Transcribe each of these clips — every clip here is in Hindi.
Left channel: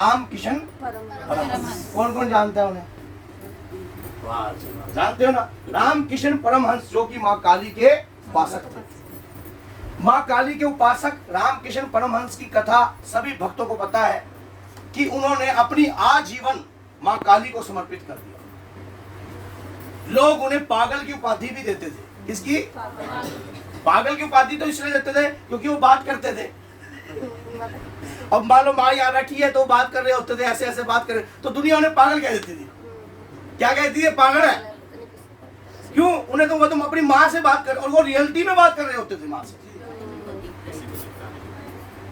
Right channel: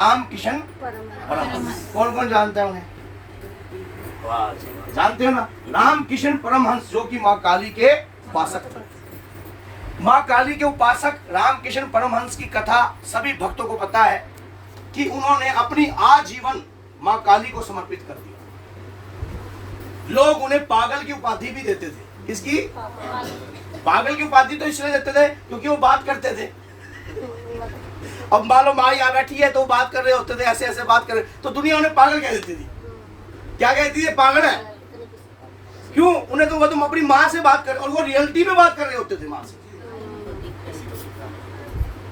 रामकिशन परमहंस। कौन कौन जानता है उन्हें? जानते हो ना, रामकिशन परमहंस जो कि माँ काली के उपासक थे। माँ काली के उपासक रामकिशन परमहंस की कथा सभी भक्तों को पता है कि उन्होंने अपनी आजीवन माँ काली को समर्पित कर दिया। लोग उन्हें पागल की उपाधि भी देते थे। किसकी? पागल की उपाधि तो इसलिए देते थे क्योंकि वो बात करते थे। अब मान लो माँ यहाँ बैठी है तो बात कर रहे होते थे, ऐसे ऐसे बात कर रहे, तो दुनिया उन्हें पागल कह देती थी। क्या कहती थी? पागल है। क्यों? उन्हें तो वो तुम अपनी माँ से बात कर, और वो रियलिटी में बात कर रहे होते थे माँ से,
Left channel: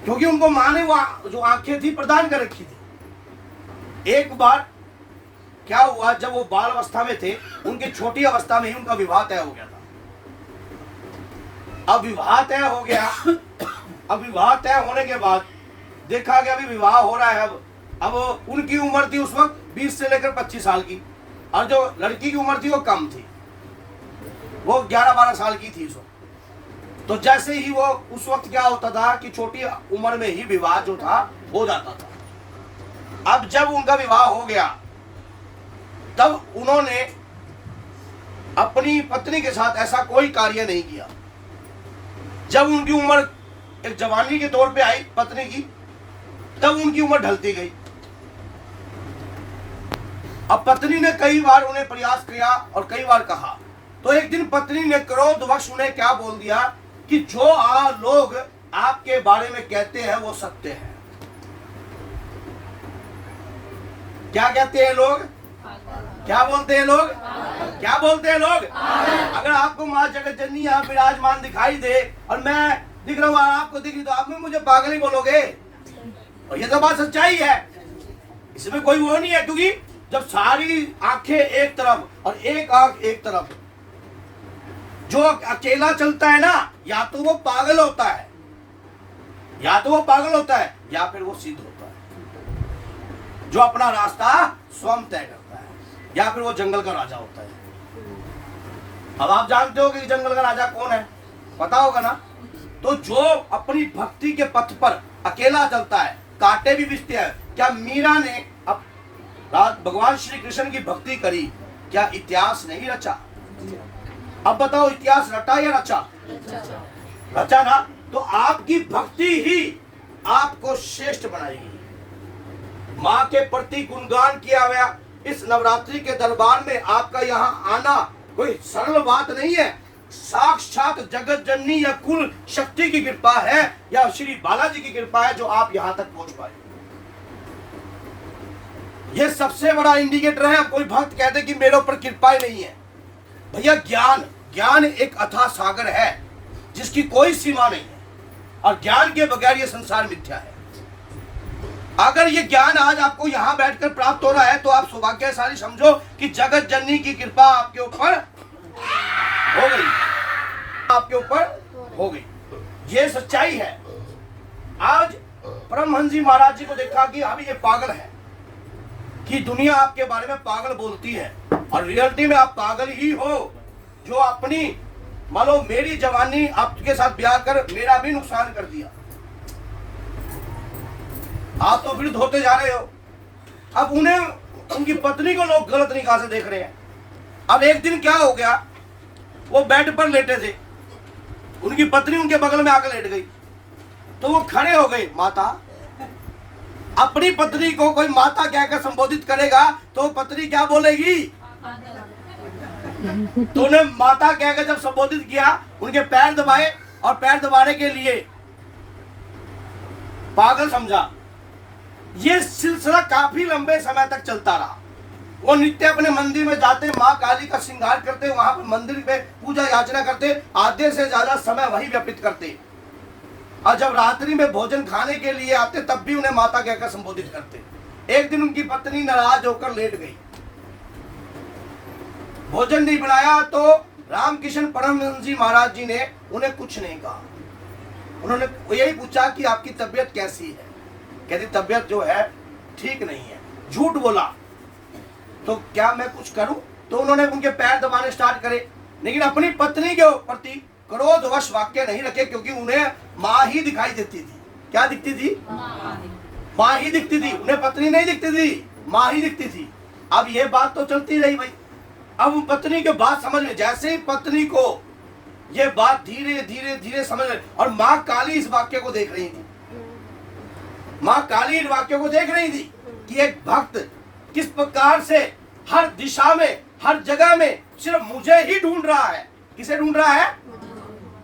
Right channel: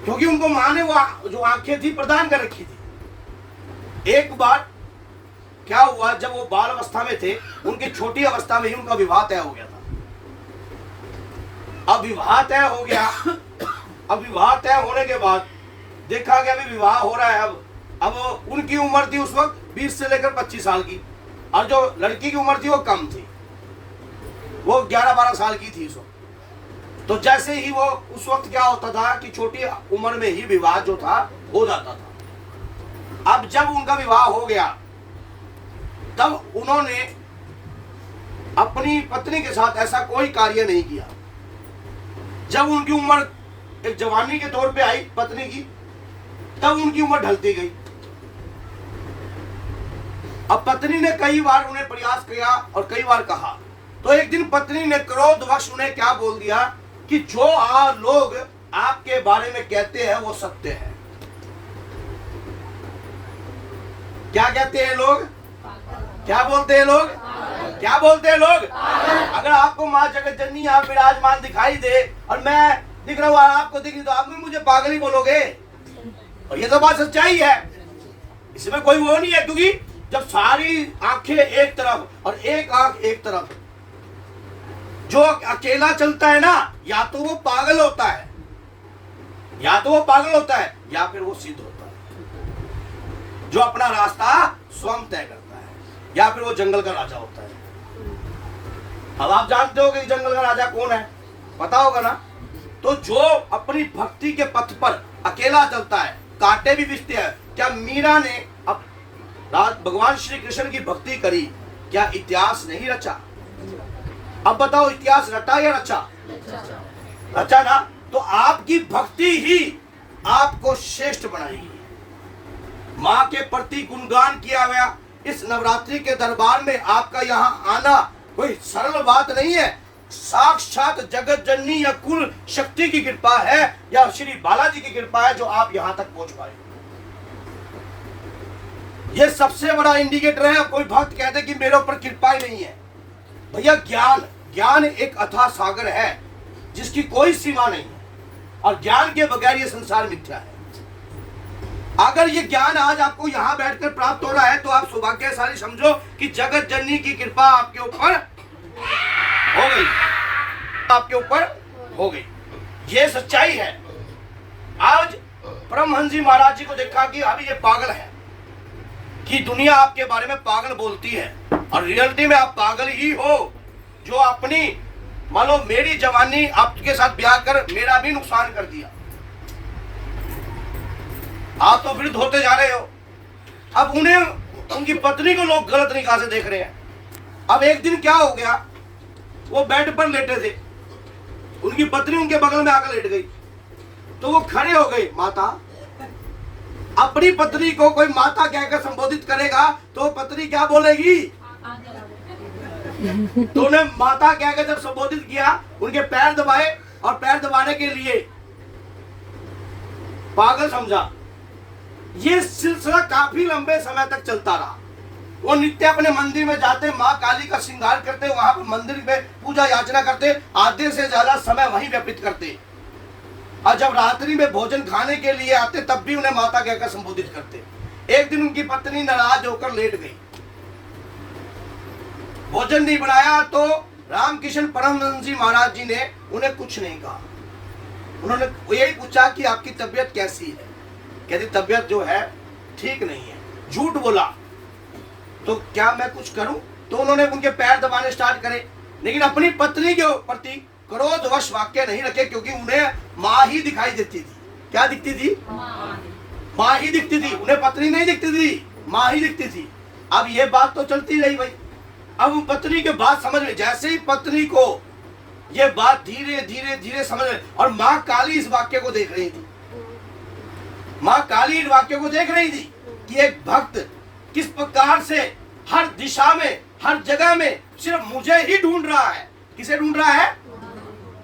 क्योंकि उनको माँ ने वो जो आंखें थी प्रदान कर रखी थी। एक बार क्या हुआ, जब वो बाल अवस्था में थे, उनकी छोटी अवस्था में ही उनका विवाह तय हो गया था। अब विवाह तय हो गया, अब विवाह तय होने के बाद देखा कि अभी विवाह हो रहा है। अब उनकी उम्र थी उस वक्त 20 से लेकर 25 साल की, और जो लड़की की उम्र थी वो कम थी, वो 11-12 साल की थी उस वक्त। तो जैसे ही वो उस वक्त क्या होता था कि छोटी उम्र में ही विवाह जो था हो जाता था। अब जब उनका विवाह हो गया तब उन्होंने अपनी पत्नी के साथ ऐसा कोई कार्य नहीं किया। जब उनकी उम्र एक जवानी के तौर पे आई पत्नी की, तब उनकी उम्र ढलती गई। अब पत्नी ने कई बार उन्हें प्रयास किया और कई बार कहा, तो एक दिन पत्नी ने क्रोधवश उन्हें क्या बोल दिया कि जो लोग आपके बारे में कहते हैं वो सत्य है। क्या कहते हैं लोग? क्या बोलते हैं लोग? क्या बोलते हैं लोग? अगर आपको माँ जगत जननी आप विराजमान दिखाई दे और मैं दिख रहा हूँ और आपको दिख रही, तो आप भी मुझे पागल ही बोलोगे। और ये तो बात सच्चाई है, इसमें कोई वो नहीं है। क्योंकि जब सारी आंखें एक तरफ और एक आंख एक तरफ, जो अकेला चलता है ना, या तो वो पागल होता है, या तो वो पागल होता है, या फिर वो सिद्ध होता है, जो अपना रास्ता स्वयं तय करता है, या फिर वो जंगल का राजा होता है। अब आप जानते हो कि जंगल का राजा कौन है, पता होगा ना। तो जो अपनी भक्ति के पथ पर अकेला चलता है, कांटे भी बिछते हैं। क्या मीरा ने अब भगवान श्री कृष्ण की भक्ति करी, क्या इतिहास नहीं रचा? अब बताओ, इतिहास रटा या रचा? रचा ना। तो आपकी भक्ति ही आपको श्रेष्ठ बनाएगी। माँ के प्रति गुणगान किया गया। इस नवरात्रि के दरबार में आपका यहाँ आना कोई सरल बात नहीं है। साक्षात जगत जननी या कुल शक्ति की कृपा है, या श्री बालाजी की कृपा है जो आप यहां तक पहुंच पाए। यह सबसे बड़ा इंडिकेटर है। कोई भक्त कहते कि मेरे ऊपर कृपा ही नहीं है। भैया, ज्ञान एक अथाह सागर है जिसकी कोई सीमा नहीं है, और ज्ञान के बगैर यह संसार मिथ्या है। अगर ये ज्ञान आज आपको यहाँ बैठकर प्राप्त हो रहा है तो आप सौभाग्यशाली समझो कि जगत जननी की कृपा आपके ऊपर हो गई, आपके ऊपर हो गई। ये सच्चाई है। आज परमहंस जी महाराज जी को देखा कि अभी ये पागल है, कि दुनिया आपके बारे में पागल बोलती है, और रियलिटी में आप पागल ही हो। जो अपनी मान लो मेरी जवानी आपके साथ ब्याह कर मेरा भी नुकसान कर दिया, आप तो वृद्ध होते जा रहे हो। अब उन्हें, उनकी पत्नी को लोग गलत निगाह से देख रहे हैं। अब एक दिन क्या हो गया, वो बेड पर लेटे थे, उनकी पत्नी उनके बगल में आकर लेट गई, तो वो खड़े हो गए। माता, अपनी पत्नी को कोई माता कहकर संबोधित करेगा तो पत्नी क्या बोलेगी? तो उन्हें माता कहकर जब संबोधित किया, उनके पैर दबाए, और पैर दबाने के लिए पागल समझा। ये सिलसिला काफी लंबे समय तक चलता रहा। वो नित्य अपने मंदिर में जाते, माँ काली का श्रृंगार करते, वहां पर मंदिर में पूजा याचना करते, आधे से ज्यादा समय वहीं व्यतीत करते, और जब रात्रि में भोजन खाने के लिए आते तब भी उन्हें माता कहकर संबोधित करते। एक दिन उनकी पत्नी नाराज होकर लेट गई, भोजन नहीं बनाया, तो रामकिशन परमहंस जी महाराज जी ने उन्हें कुछ नहीं कहा। उन्होंने यही पूछा कि आपकी तबीयत कैसी है? कहती तबीयत जो है ठीक नहीं है। झूठ बोला। तो क्या मैं कुछ करूं? तो उन्होंने उनके पैर दबाने स्टार्ट करे, लेकिन अपनी पत्नी के प्रति क्रोधवश वाक्य नहीं रखे, क्योंकि उन्हें माँ ही दिखाई देती थी। क्या दिखती थी? माँ ही दिखती थी, उन्हें पत्नी नहीं दिखती थी, माँ ही दिखती थी। अब ये बात तो चलती रही भाई। अब पत्नी के बात समझ में, जैसे ही पत्नी को ये बात धीरे धीरे धीरे समझ में, और माँ काली इस वाक्य को देख रही थी, माँ काली इस वाक्य को देख रही थी कि एक भक्त किस प्रकार से हर दिशा में, हर जगह में सिर्फ मुझे ही ढूंढ रहा है। किसे ढूंढ रहा है?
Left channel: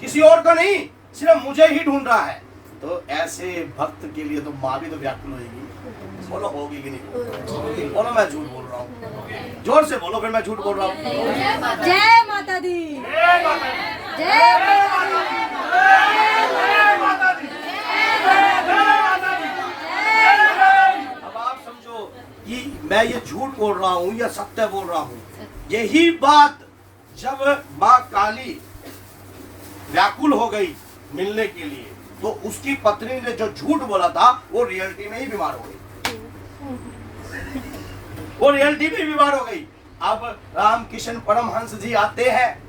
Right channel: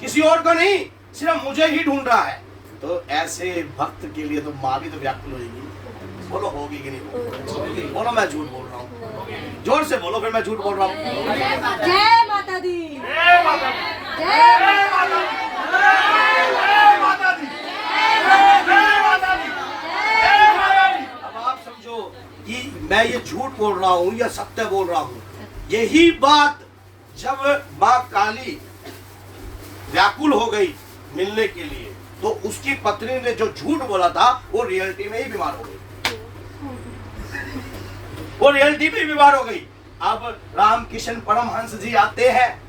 किसी और को नहीं, सिर्फ मुझे ही ढूंढ रहा है। तो ऐसे भक्त के लिए तो माँ भी तो व्याकुल होगी। बोलो होगी कि नहीं? बोलो मैं झूठ बोल रहा हूँ, जोर से बोलो फिर मैं झूठ बोल रहा हूँ। जय माता दी, जय माता दी, अब आप समझो कि मैं ये झूठ बोल रहा हूँ या सत्य बोल रहा हूँ। यही बात जब माँ काली व्याकुल हो गई मिलने के लिए, तो उसकी पत्नी ने जो झूठ बोला था वो रियलिटी में ही बीमार हो गई, वो रियलिटी में बीमार हो गई। अब रामकृष्ण परमहंस जी आते हैं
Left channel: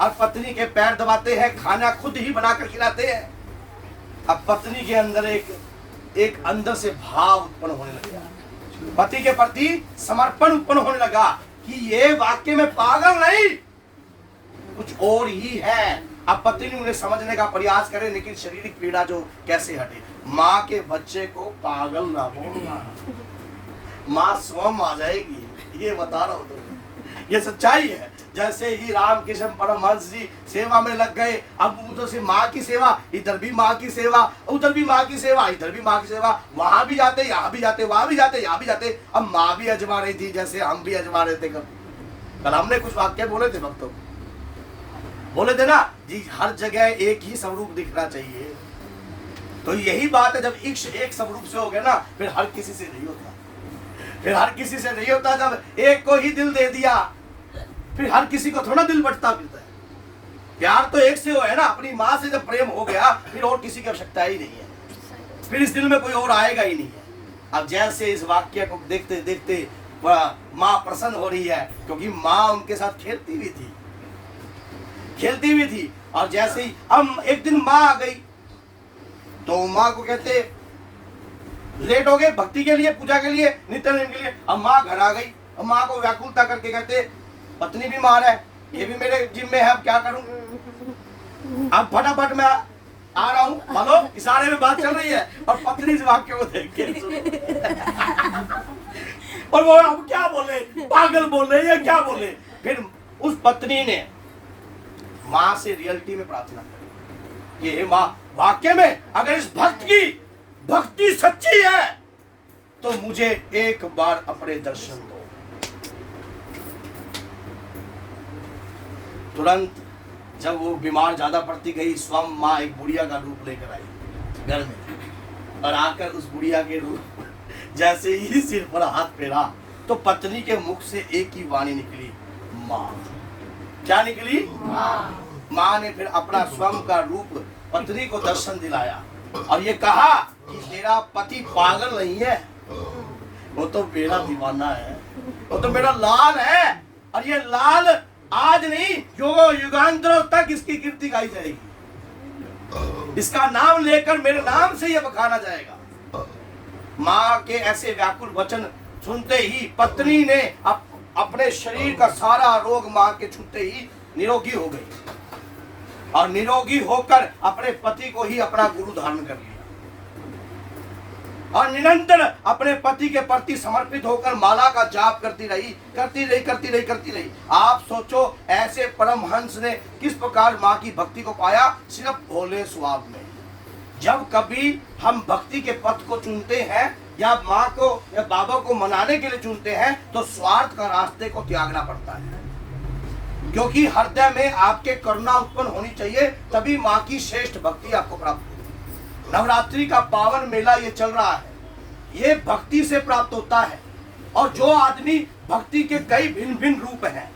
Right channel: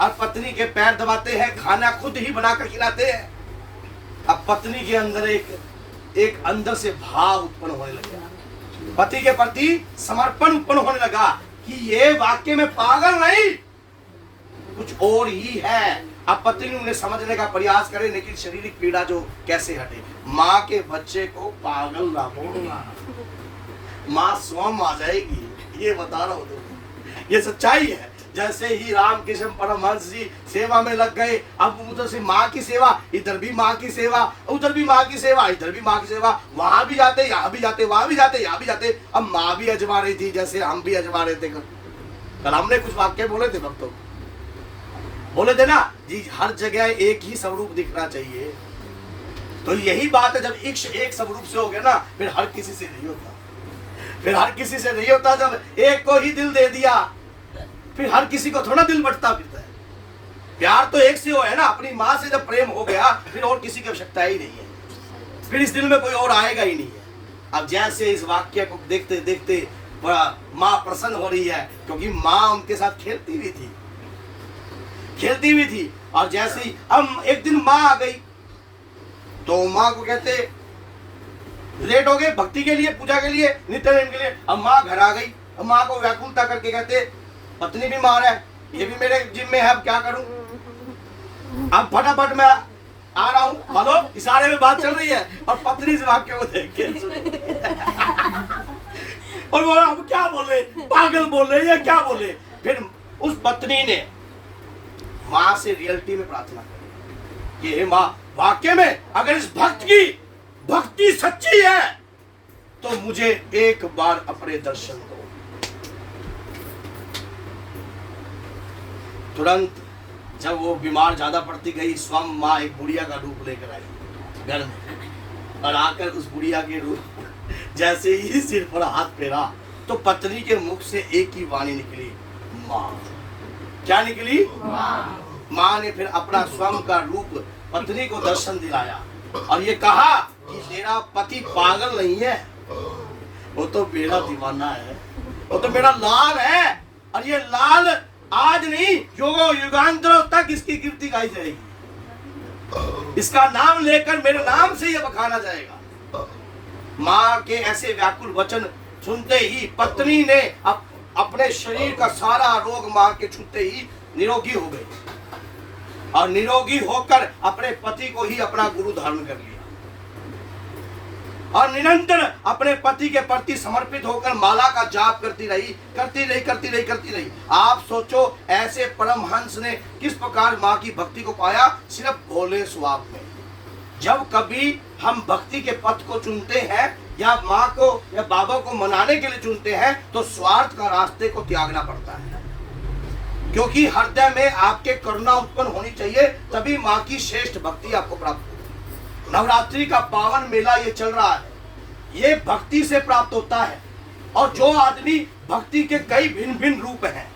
और पत्नी के पैर दबाते हैं, खाना खुद ही बनाकर खिलाते हैं। अब पत्नी के अंदर एक अंदर से भाव उत्पन्न होने लगा, पति के प्रति समर्पण उत्पन्न होने लगा कि ये वाक्य में पागल नहीं, कुछ और ही है। अब पत्नी ने उन्हें समझने का प्रयास करे, लेकिन शारीरिक पीड़ा जो कैसे हटे। माँ के बच्चे को पागल ना बोलना, माँ स्वयं आ जाएगी, ये बता रहा हूं तुम, ये सच्चाई है। जैसे ही रामकृष्ण परमहंस जी सेवा में लग गए, अब उधर से माँ की सेवा, इधर भी माँ की सेवा, उधर भी माँ की सेवा, इधर भी माँ की सेवा, वहां भी जाते, यहाँ भी जाते, वहां भी जाते, यहाँ भी जाते। अब माँ भी अजमा रही थी जैसे हम भी अजमा रहे थे। कल हमने कुछ वाक्य बोले थे भक्तों, बोले थे ना जी, हर जगह एक ही स्वरूप दिखना चाहिए। तो यही बात है, जब एक स्वरूप से हो गया ना, फिर हर किसी से नहीं होता, फिर हर किसी से नहीं होता। जब एक को ही दिल दे दिया, फिर हर किसी को थोड़ा दिल बटता फिरता है। प्यार तो एक से हो है ना, अपनी माँ से जब प्रेम हो गया, फिर और किसी की आवश्यकता ही नहीं है, फिर इस दिल में कोई और आएगा ही नहीं है। अब जैसे इस वाक्य को देखते देखते माँ प्रसन्न हो रही है, क्योंकि माँ उनके साथ खेलती भी थी, खेलती भी थी। और जैसे ही हम एक दिन माँ आ गई, तो माँ को कहते लेट हो गए भक्ति के लिए, पूजा के लिए, नित्य नेम के लिए। अब माँ घर आ गई, अब माँ को व्याकुलता करके कहते पत्नी बीमार है, ये भी मेरे जिम्मे है, अब क्या करूं। अब फटाफट मैं आ रहा हूँ, बोलो इशारे में बात चल रही है, और पत्नी इस वाक्य को देख के और वो अब क्या बोले, पागल बोले या क्या बोले। फिर उस पत्नी ने माँ से रियलिटी में प्रार्थना करी कि हे माँ, वाक्य में अगर इस भक्त की भक्ति सच्ची है तो मुझे एक बार अपने दर्शन दो। तुरंत जब वो बीमार ज्यादा पड़ती गई, स्वयं माँ एक बुढ़िया का रूप लेकर आई घर में, और आकर उस बुढ़िया के रूप जैसे ही सिर पर हाथ फेरा, तो पत्नी के मुख से एक ही वाणी निकली, माँ। क्या निकली? माँ ने फिर अपना स्वयं का रूप पत्नी को दर्शन दिलाया और ये कहा कि तेरा पति पागल नहीं है, वो तो मेरा दीवाना है, वो तो मेरा लाल है, और ये लाल आज नहीं युगांतरों तक इसकी कीर्ति गाई जाएगी, इसका नाम लेकर मेरे नाम से ये बखाना जाएगा। माँ के ऐसे व्याकुल वचन सुनते ही पत्नी ने अपने शरीर का सारा रोग माँ के छूते ही निरोगी हो गई, और निरोगी होकर अपने पति को ही अपना गुरु धारण कर लिया, और निरंतर अपने पति के प्रति समर्पित होकर माला का जाप करती रही। आप सोचो ऐसे परमहंस ने किस प्रकार माँ की भक्ति को पाया, सिर्फ भोले स्वभाव में। जब कभी हम भक्ति के पथ को चुनते हैं या माँ को या बाबा को मनाने के लिए चुनते हैं, तो स्वार्थ का रास्ते को त्यागना पड़ता है, क्योंकि हृदय में आपके करुणा उत्पन्न होनी चाहिए, तभी माँ की श्रेष्ठ भक्ति आपको प्राप्त होगी। नवरात्रि का पावन मेला ये चल रहा है, ये भक्ति से प्राप्त होता है। और जो आदमी भक्ति के कई भिन्न भिन्न रूप हैं,